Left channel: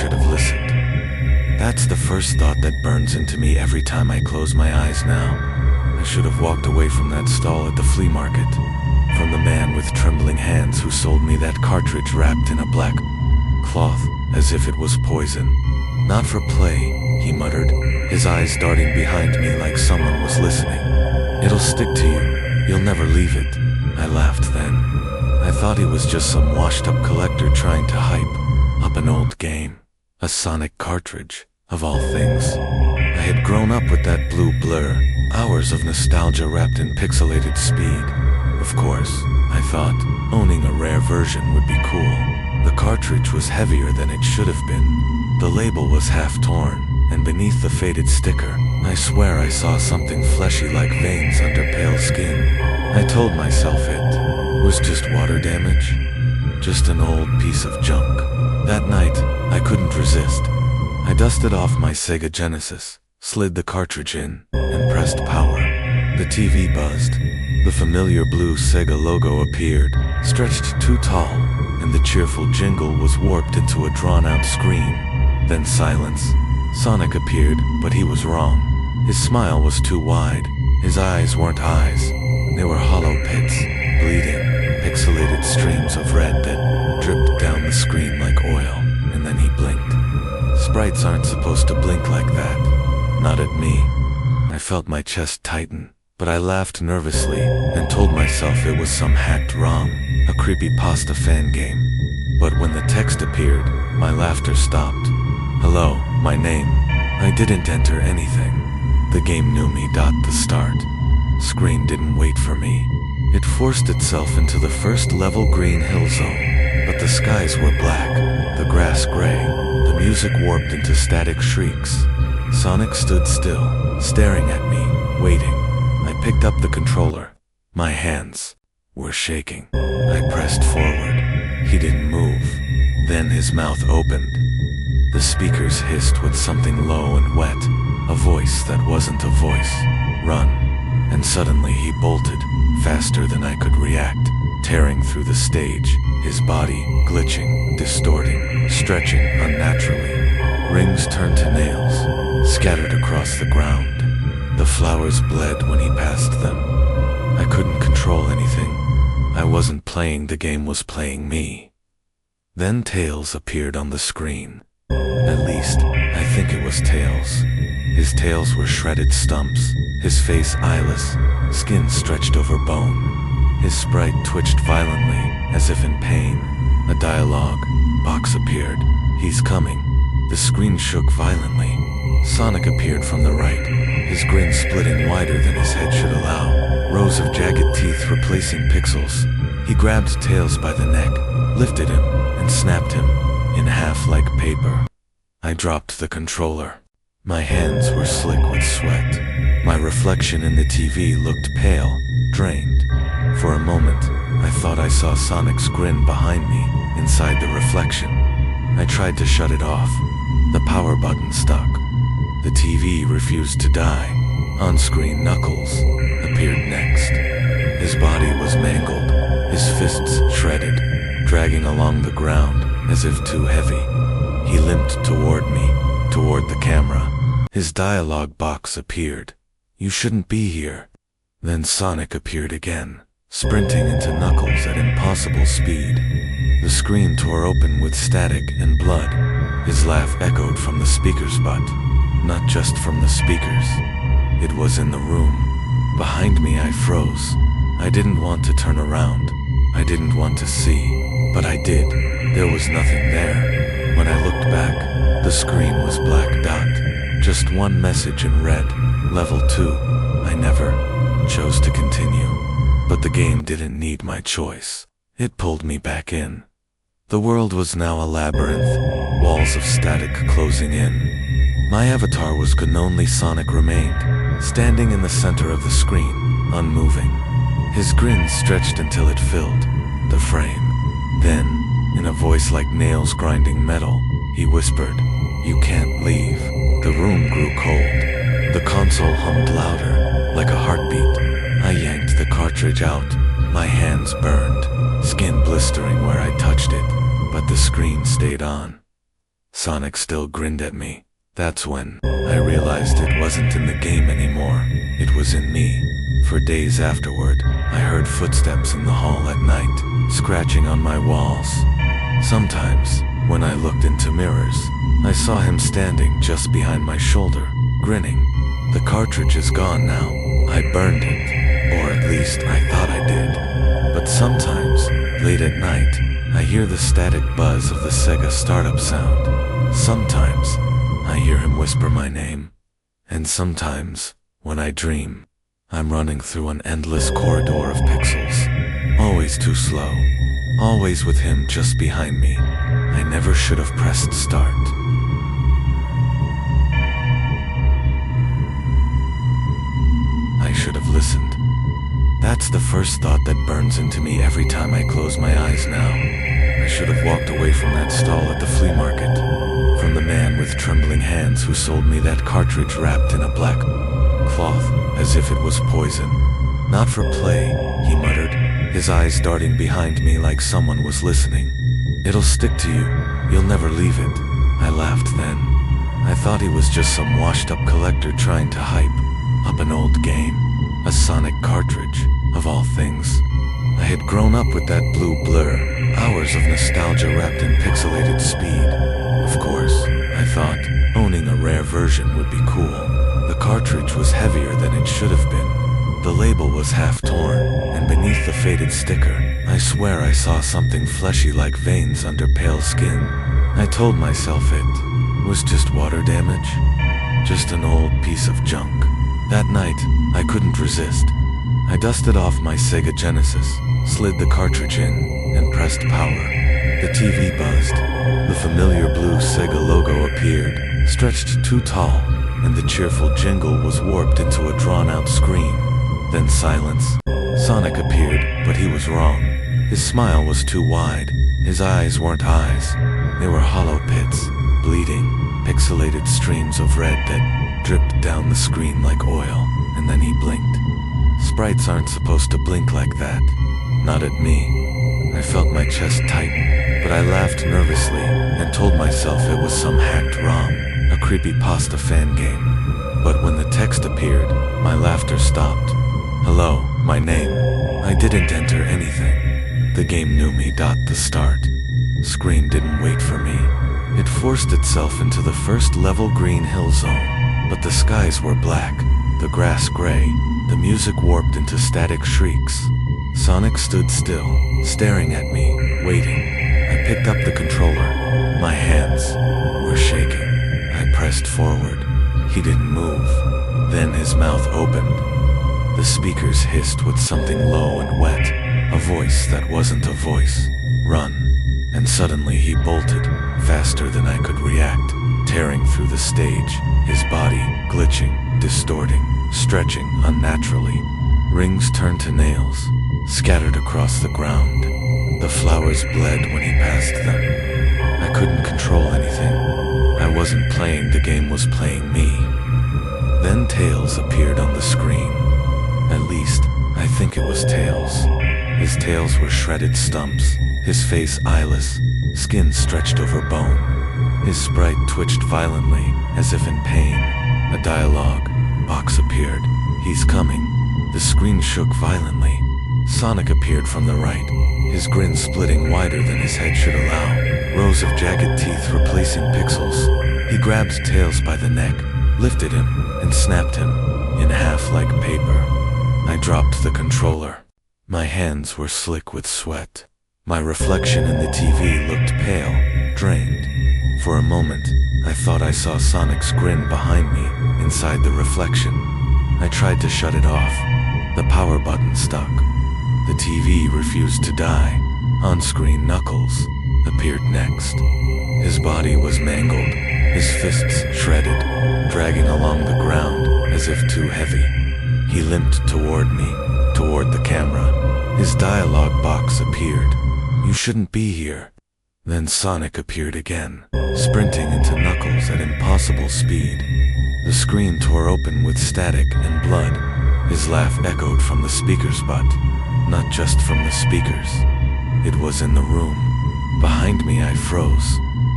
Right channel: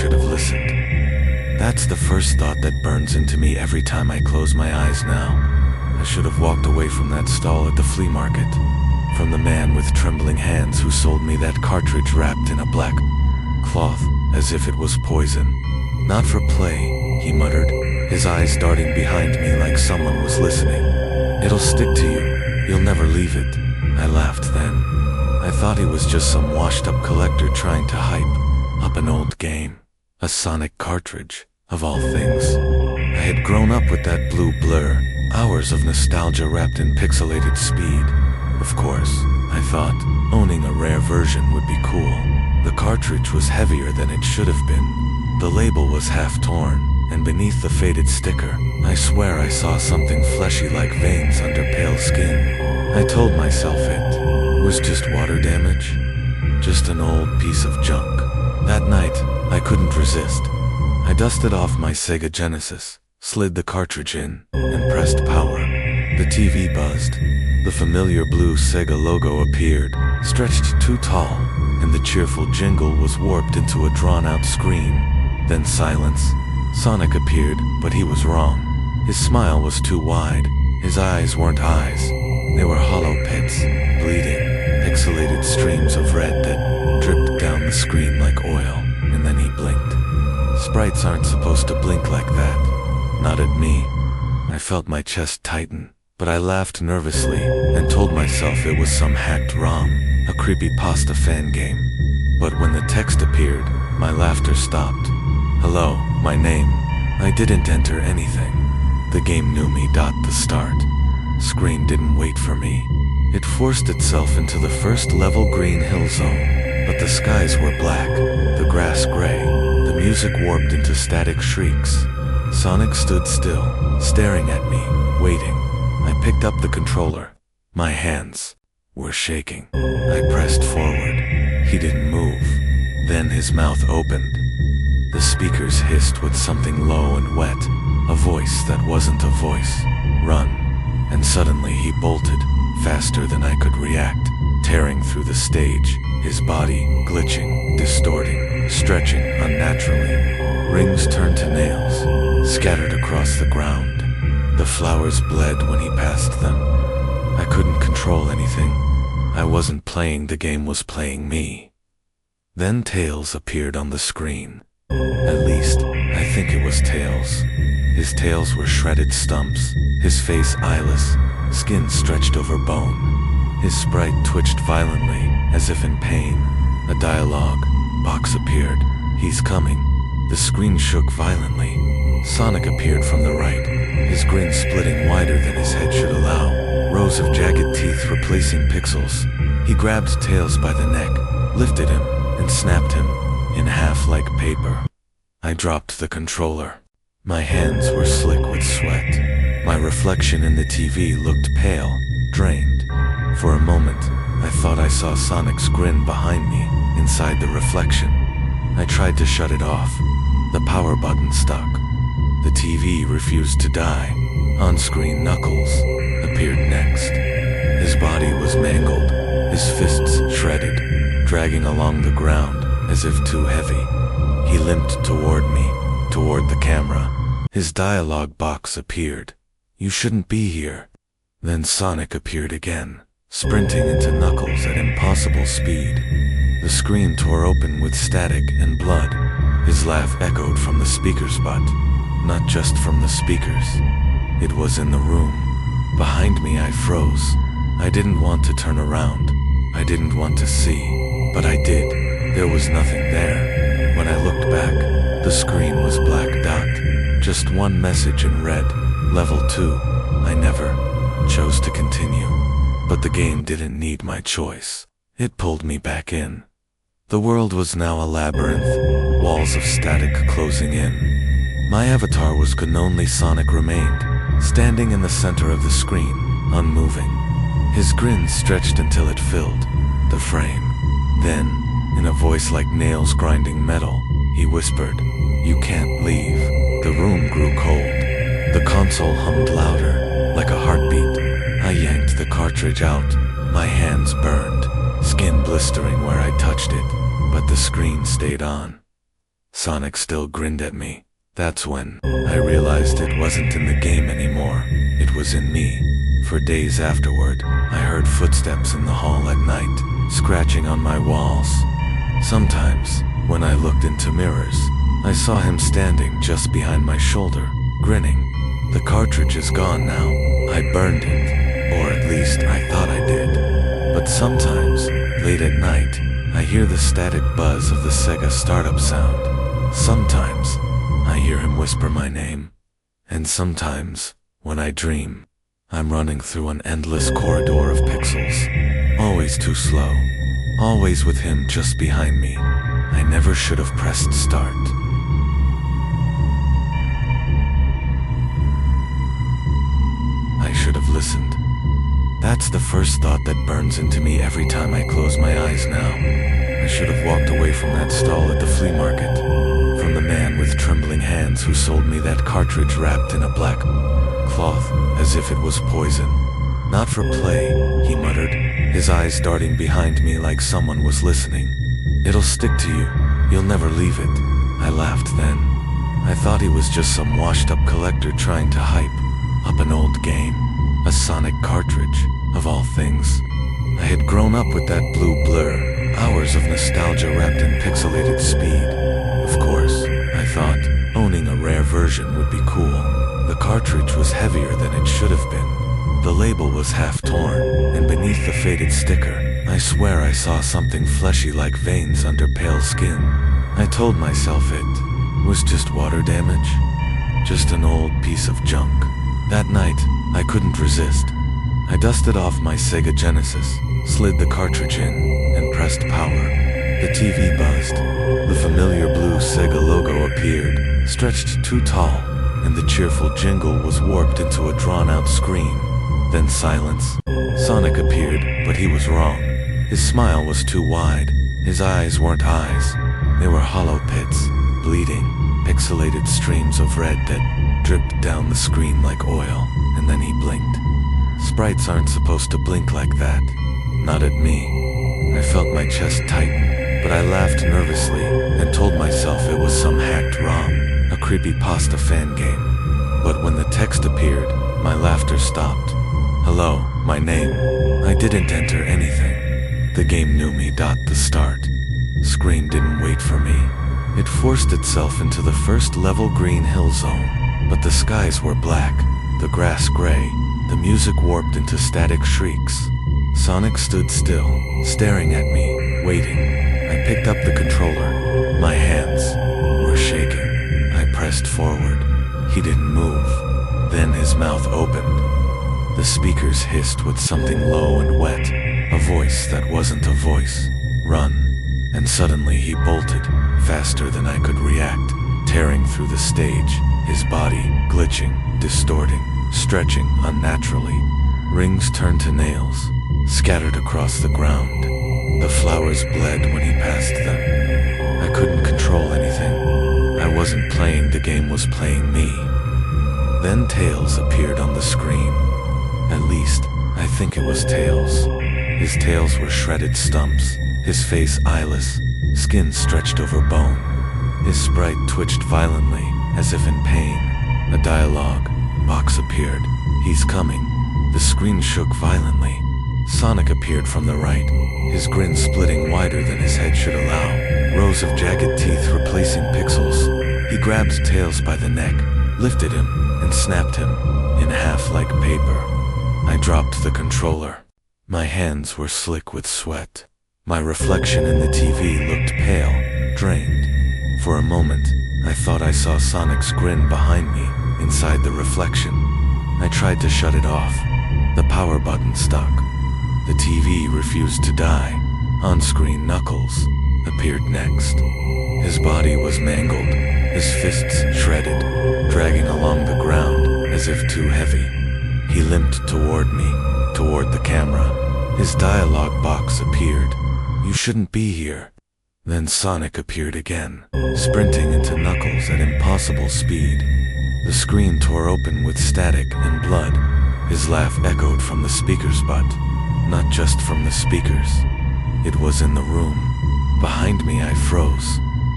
should have listened. That's the first thought that burns into me every time I close my eyes now. I should have walked away from that stall at the flea market, from the man with trembling hands who sold me that cartridge wrapped in a black cloth, as if it was poison. Not for play, he muttered, his eyes darting behind me like someone was listening. It'll stick to you. You'll never leave it. I laughed then. I thought he was just some washed-up collector trying to hype up an old game. A Sonic cartridge, of all things. I had grown up with that blue blur, hours of nostalgia wrapped in pixelated speed. Of course, I thought, owning a rare version would be cool. The cartridge was heavier than it should have been. The label was half torn, and beneath the faded sticker, I swear I saw something fleshy like veins under pale skin. I told myself it was just water damage, just an old piece of junk. That night, I couldn't resist. I dusted off my Sega Genesis, slid the cartridge in, and pressed power. The TV buzzed. The familiar blue Sega logo appeared, stretched too tall, and the cheerful jingle was warped into a drawn-out scream. Then silence. Sonic appeared, but he was wrong. His smile was too wide. His eyes weren't eyes. They were hollow pits, bleeding, pixelated streams of red that dripped down the screen like oil, and then he blinked. Sprites aren't supposed to blink like that. Not at me. I felt my chest tighten, but I laughed nervously and told myself it was some hacked ROM, a creepypasta fan game. But when the text appeared, my laughter stopped. Hello, my name. I didn't enter anything. The game knew me. The start screen didn't wait for me. It forced itself into the first level green hill zone, but the skies were black, the grass gray, the music warped into static shrieks. Sonic stood still, staring at me, waiting. I picked up the controller. My hands were shaking. I pressed forward. He didn't move. Then his mouth opened. The speakers hissed with something low and wet, a voice that wasn't a voice. Run. And suddenly he bolted, faster than I could react, tearing through the stage, his body glitching, distorting, stretching unnaturally. Rings turned to nails, scattered across the ground. The flowers bled when he passed them. I couldn't control anything. I wasn't playing, the game was playing me. Then Tails appeared on the screen. At least, I think it was Tails. His tails were shredded stumps, his face eyeless, skin stretched over bone. His sprite twitched violently, as if in pain. A dialogue box appeared. He's coming. The screen shook violently. Sonic appeared from the right, his grin splitting wider than his head should allow, rows of jagged teeth replacing pixels. He grabbed Tails by the neck, lifted him, and snapped him in half like paper. I dropped the controller. My hands were slick with sweat. My reflection in the TV looked pale, drained. For a moment, I thought I saw Sonic's grin behind me, inside the reflection. I tried to shut it off. The power button stuck. The TV refused to die. On-screen Knuckles appeared next. His body was mangled, his fists shredded, dragging along the ground as if too heavy. He limped toward me, toward the camera. His dialogue box appeared. You shouldn't be here. Then Sonic appeared again, sprinting into Knuckles at impossible speed. The screen tore open with static and blood. His laugh echoed from the speaker's butt. Not just from the speakers. It was in the room. Behind me I froze. I didn't want to turn around. I didn't want to see. But I did. There was nothing there. When I looked back, the screen was black dot. Just one message in red. Level 2. I never chose to continue. But the game didn't need my choice. It pulled me back in. The world was now a labyrinth, walls of static closing in. My avatar was gone, only Sonic remained, standing in the center of the screen, unmoving. His grin stretched until it filled the frame. Then, in a voice like nails grinding metal, he whispered, "You can't leave." The room grew cold. The console hummed louder, like a heartbeat. I yanked the cartridge out. My hands burned, skin blistering where I touched it, but the screen stayed on. Sonic still grinned at me. That's when I realized it wasn't in the game anymore. It was in me. For days afterward, I heard footsteps in the hall at night, scratching on my walls. Sometimes, when I looked into mirrors, I saw him standing just behind my shoulder, grinning. The cartridge is gone now. I burned it, or at least I thought I did. But sometimes, late at night, I hear the static buzz of the Sega startup sound. Sometimes, I hear him whisper my name. And sometimes, when I dream, I'm running through an endless corridor of pixels. Always too slow. Always with him just behind me. I never should have pressed start. I should have listened. That's the first thought that burns into me every time I close my eyes now. I should have walked away from that stall at the flea market. From the man with trembling hands who sold me that cartridge wrapped in a black cloth, as if it was poison. Not for play, he muttered, his eyes darting behind me like someone was listening. It'll stick to you. You'll never leave it. I laughed then. I thought he was just some washed-up collector trying to hype up an old game. A Sonic cartridge, of all things. I had grown up with that blue blur, hours of nostalgia wrapped in pixelated speed. Of course, I thought, owning a rare version would be cool. The cartridge was heavier than it should have been. The label was half torn, and beneath the faded sticker, I swear I saw something fleshy like veins under pale skin. I told myself it was just water damage, just an old piece of junk. That night, I couldn't resist. I dusted off my Sega Genesis, slid the cartridge in, and pressed power. The TV buzzed. The familiar blue Sega logo appeared, stretched too tall, and the cheerful jingle was warped into a drawn-out scream. Then silence. Sonic appeared, but he was wrong. His smile was too wide. His eyes weren't eyes. They were hollow pits, bleeding, pixelated streams of red that dripped down the screen like oil, and then he blinked. Sprites aren't supposed to blink like that. Not at me. I felt my chest tighten, but I laughed nervously and told myself it was some hacked ROM, a creepypasta fan game. But when the text appeared, my laughter stopped. Hello, my name. I didn't enter anything. The game knew me. The start screen didn't wait for me. It forced itself into the first level green hill zone. But the skies were black, the grass gray, the music warped into static shrieks. Sonic stood still, staring at me, waiting. I picked up the controller. My hands were shaking. I pressed forward. He didn't move. Then his mouth opened. The speakers hissed with something low and wet, a voice that wasn't a voice. Run. And suddenly he bolted, faster than I could react, tearing through the stage. His body, glitching, distorting, stretching unnaturally. Rings turned to nails, scattered across the ground. The flowers bled when he passed them. I couldn't control anything. I wasn't playing, the game was playing me. Then Tails appeared on the screen. At least, I think it was Tails. His tails were shredded stumps, his face eyeless, skin stretched over bone. His sprite twitched violently, as if in pain. A dialogue box appeared. He's coming. The screen shook violently. Sonic appeared from the right, his grin splitting wider than his head should allow, rows of jagged teeth replacing pixels. He grabbed Tails by the neck, lifted him, and snapped him in half like paper. I dropped the controller. My hands were slick with sweat. My reflection in the TV looked pale, drained. For a moment, I thought I saw Sonic's grin behind me, inside the reflection. I tried to shut it off. The power button stuck. The TV refused to die. On-screen Knuckles appeared next. His body was mangled, his fists shredded, dragging along the ground as if too heavy. He limped toward me, toward the camera. His dialogue box appeared. You shouldn't be here. Then Sonic appeared again, sprinting into Knuckles at impossible speed. The screen tore open with static and blood. His laugh echoed from the speakers, but not just from the speakers. It was in the room. Behind me I froze.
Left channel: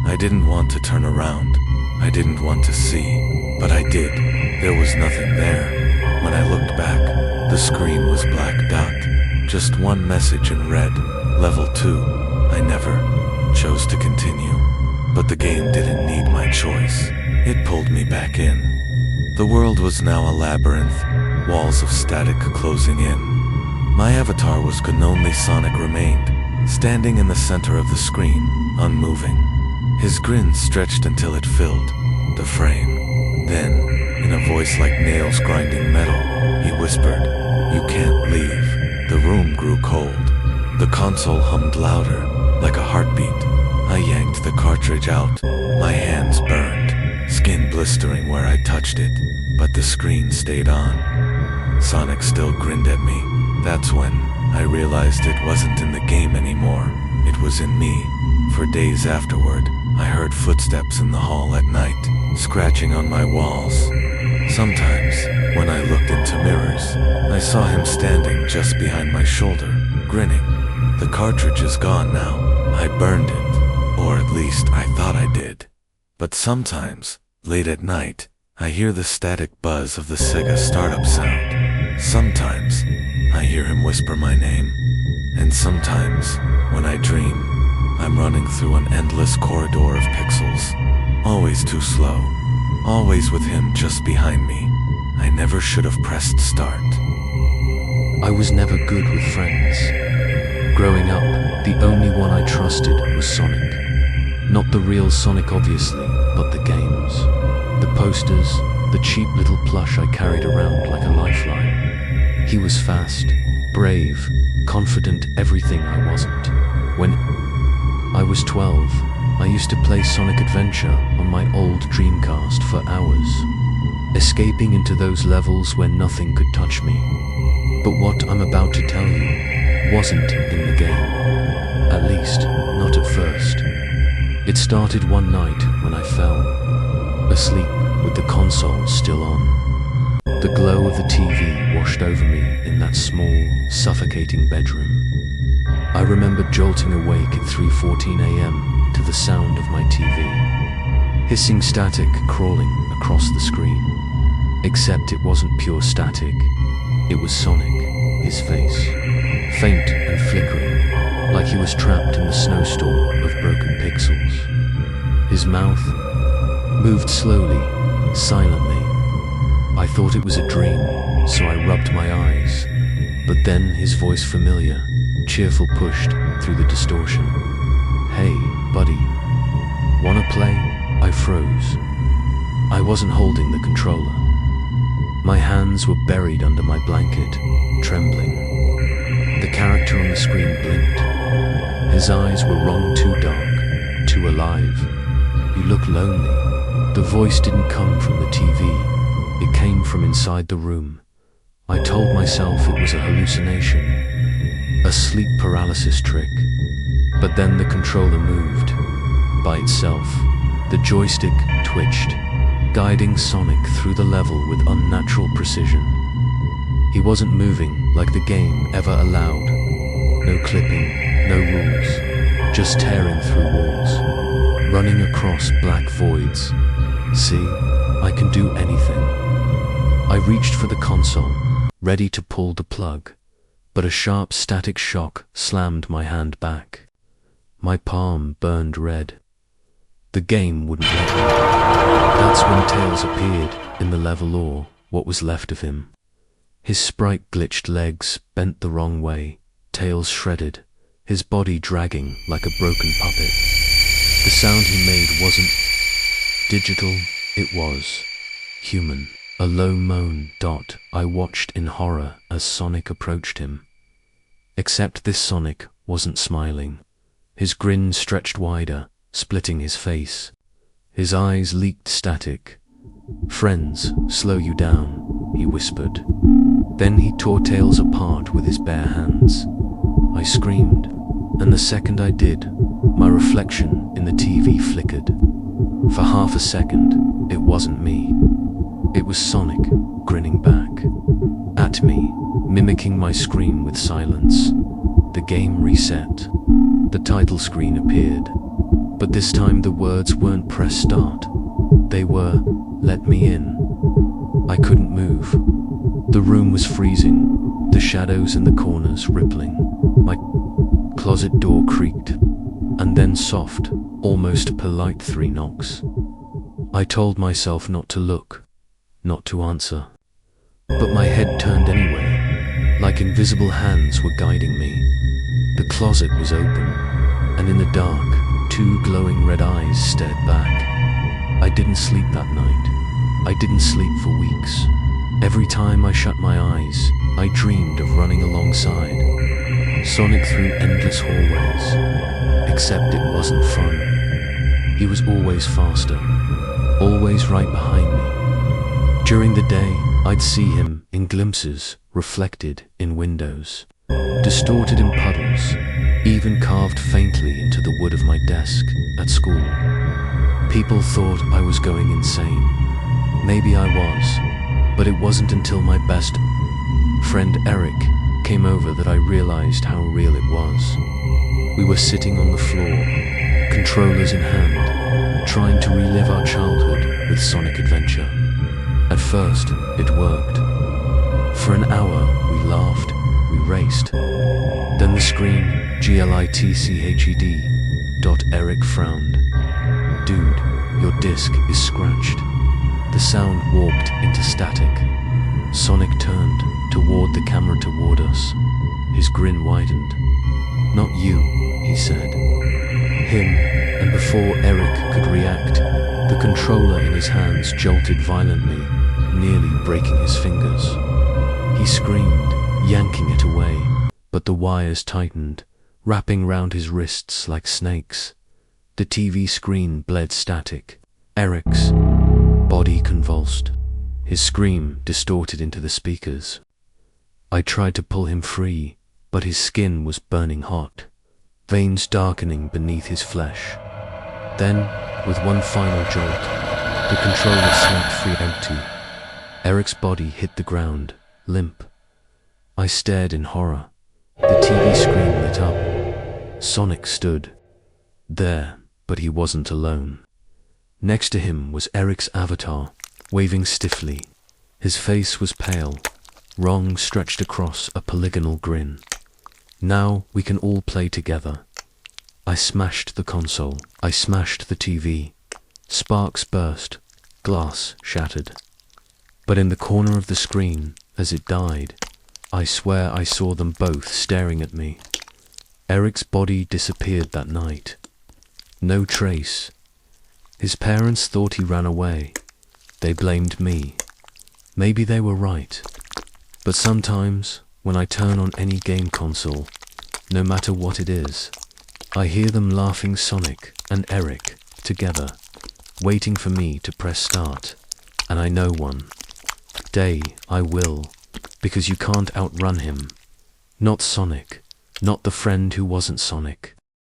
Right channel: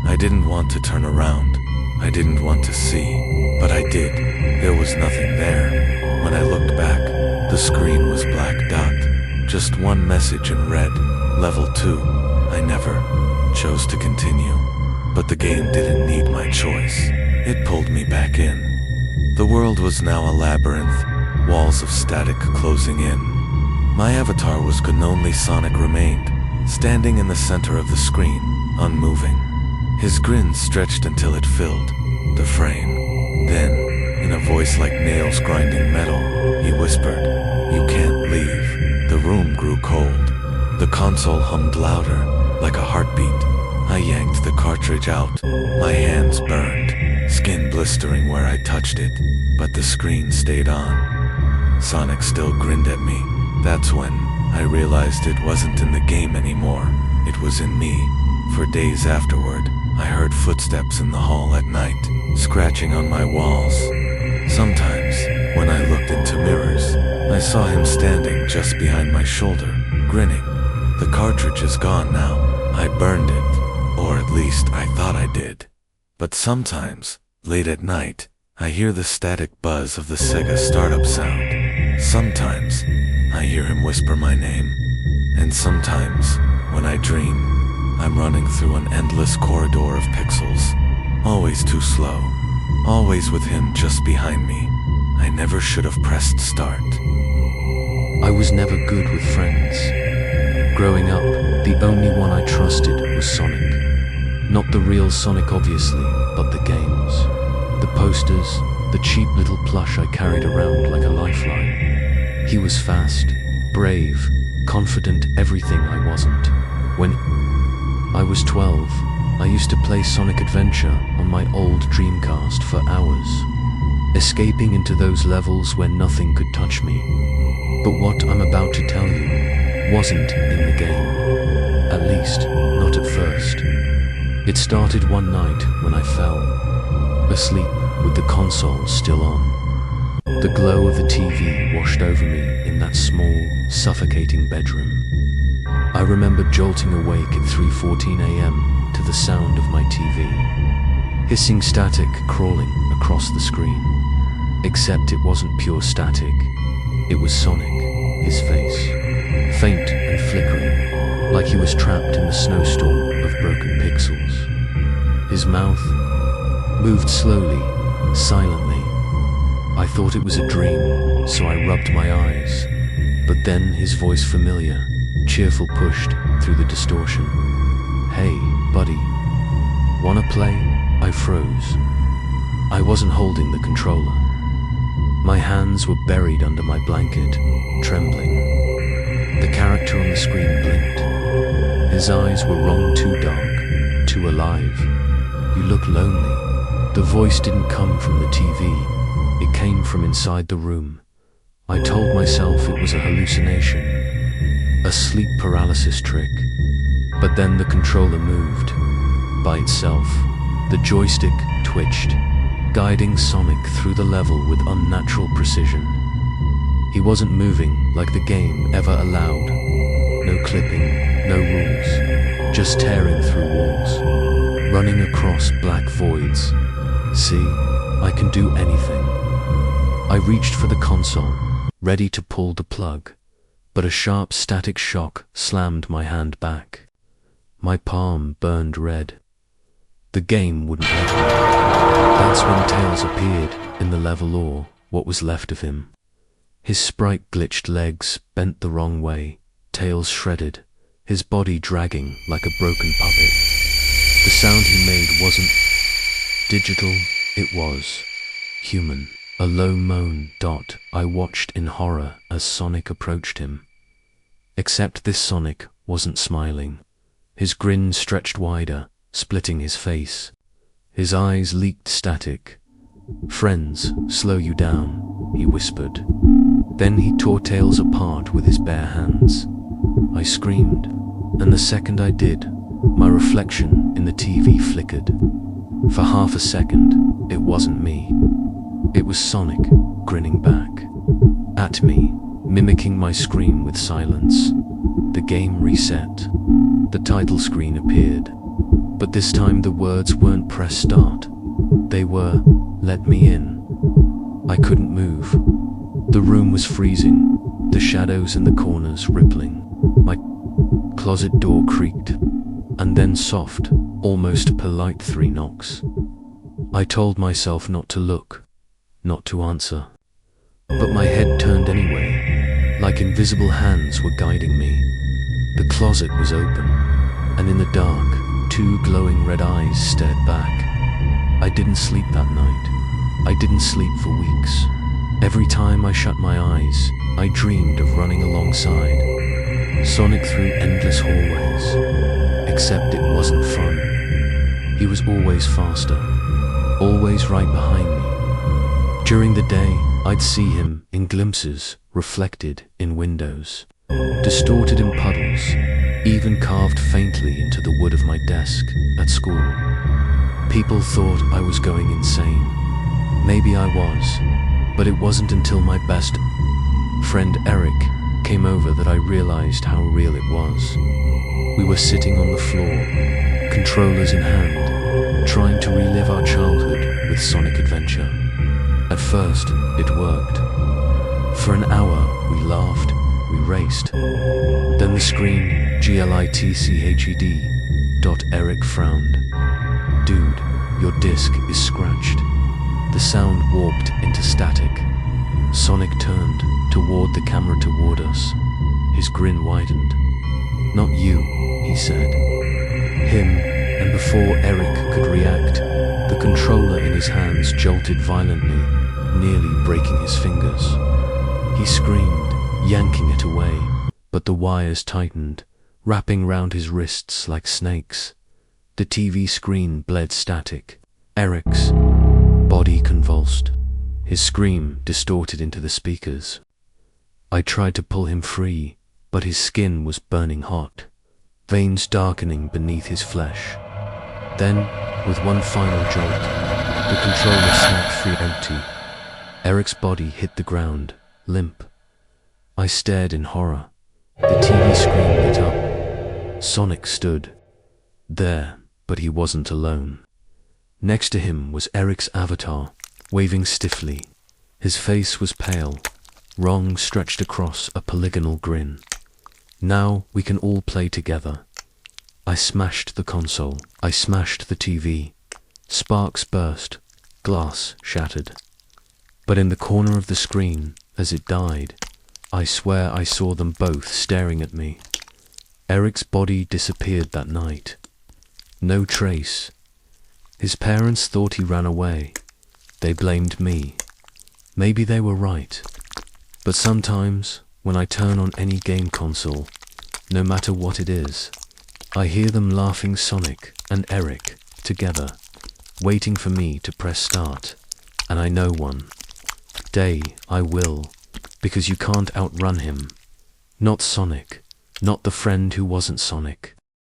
I didn't want to turn around. I didn't want to see, but I did. There was nothing there. When I looked back, the screen was black dot. Just one message in red. Level 2. I never chose to continue. But the game didn't need my choice. It pulled me back in. The world was now a labyrinth, walls of static closing in. My avatar was gone, only Sonic remained, standing in the center of the screen, unmoving. His grin stretched until it filled the frame. Then, in a voice like nails grinding metal, he whispered, "You can't leave." The room grew cold. The console hummed louder, like a heartbeat. I yanked the cartridge out. My hands burned, skin blistering where I touched it, but the screen stayed on. Sonic still grinned at me. That's when I realized it wasn't in the game anymore. It was in me. For days afterward, I heard footsteps in the hall at night, scratching on my walls. Sometimes, when I looked into mirrors, I saw him standing just behind my shoulder, grinning. The cartridge is gone now. I burned it, or at least I thought I did. But sometimes, late at night, I hear the static buzz of the Sega startup sound. Sometimes, I hear him whisper my name. And sometimes, when I dream, I'm running through an endless corridor of pixels. Always too slow. Always with him just behind me. I never should have pressed start. I was never good with friends. Growing up, the only one I trusted was Sonic. Not the real Sonic obviously, but the games. The posters, the cheap little plush I carried around like a lifeline. He was fast, brave, confident, everything I wasn't. When I was 12, I used to play Sonic Adventure on my old Dreamcast for hours, escaping into those levels where nothing could touch me. But what I'm about to tell you wasn't in the game. At least, not at first. It started one night when I fell asleep with the console still on. The glow of the TV washed over me in that small, suffocating bedroom. I remember jolting awake at 3:14 a.m. to the sound of my TV. Hissing static crawling across the screen. Except it wasn't pure static. It was Sonic, his face. Faint and flickering, like he was trapped in the snowstorm of broken pixels. His mouth moved slowly, silently. I thought it was a dream, so I rubbed my eyes. But then his voice, familiar, cheerful, pushed through the distortion. "Hey, buddy. Wanna play?" I froze. I wasn't holding the controller. My hands were buried under my blanket, trembling. The character on the screen blinked. His eyes were wrong, too dark, too alive. "You look lonely." The voice didn't come from the TV. It came from inside the room. I told myself it was a hallucination, a sleep paralysis trick. But then the controller moved by itself. The joystick twitched, guiding Sonic through the level with unnatural precision. He wasn't moving like the game ever allowed. No clipping, no rules, just tearing through walls, running across black voids. See, I can do anything. I reached for the console, ready to pull the plug, but a sharp static shock slammed my hand back. My palm burned red. The game wouldn't let me. That's when Tails appeared in the level, or what was left of him. His sprite-glitched legs bent the wrong way, Tails shredded, his body dragging like a broken puppet. The sound he made wasn't digital, it was human. A low moan. I watched in horror as Sonic approached him. Except this Sonic wasn't smiling. His grin stretched wider, splitting his face. His eyes leaked static. "Friends, slow you down," he whispered. Then he tore Tails apart with his bare hands. I screamed, and the second I did, my reflection in the TV flickered. For half a second, it wasn't me. It was Sonic, grinning back at me, mimicking my scream with silence. The game reset. The title screen appeared. But this time the words weren't press start. They were, let me in. I couldn't move. The room was freezing, the shadows in the corners rippling. My closet door creaked, and then soft, almost polite 3 knocks. I told myself not to look, not to answer. But my head turned anyway, like invisible hands were guiding me. The closet was open, and in the dark, 2 glowing red eyes stared back. I didn't sleep that night. I didn't sleep for weeks. Every time I shut my eyes, I dreamed of running alongside Sonic through endless hallways. Except it wasn't fun. He was always faster, always right behind me. During the day, I'd see him in glimpses, reflected in windows, distorted in puddles, even carved faintly into the wood of my desk at school. People thought I was going insane. Maybe I was, but it wasn't until my best friend Eric came over that I realized how real it was. We were sitting on the floor, controllers in hand, trying to relive our childhood with Sonic Adventure. At first, it worked. For an hour, we laughed, we raced. Then the screen, glitched. Eric frowned. Dude, your disc is scratched. The sound warped into static. Sonic turned toward the camera toward us. His grin widened. Not you, he said. Him, and before Eric could react, the controller in his hands jolted violently, nearly breaking his fingers. He screamed, yanking it away, but the wires tightened, wrapping round his wrists like snakes. The TV screen bled static. Eric's body convulsed. His scream distorted into the speakers. I tried to pull him free, but his skin was burning hot, veins darkening beneath his flesh. Then, with one final jolt, the controller snapped free empty. Eric's body hit the ground, limp. I stared in horror. The TV screen lit up. Sonic stood there, but he wasn't alone. Next to him was Eric's avatar, waving stiffly. His face was pale, wrong stretched across a polygonal grin. Now we can all play together. I smashed the console. I smashed the TV. Sparks burst. Glass shattered. But in the corner of the screen, as it died, I swear I saw them both staring at me. Eric's body disappeared that night. No trace. His parents thought he ran away. They blamed me. Maybe they were right. But sometimes, when I turn on any game console, no matter what it is, I hear them laughing Sonic and Eric together, waiting for me to press start. And I know one day I will, because you can't outrun him. Not Sonic, not the friend who wasn't Sonic.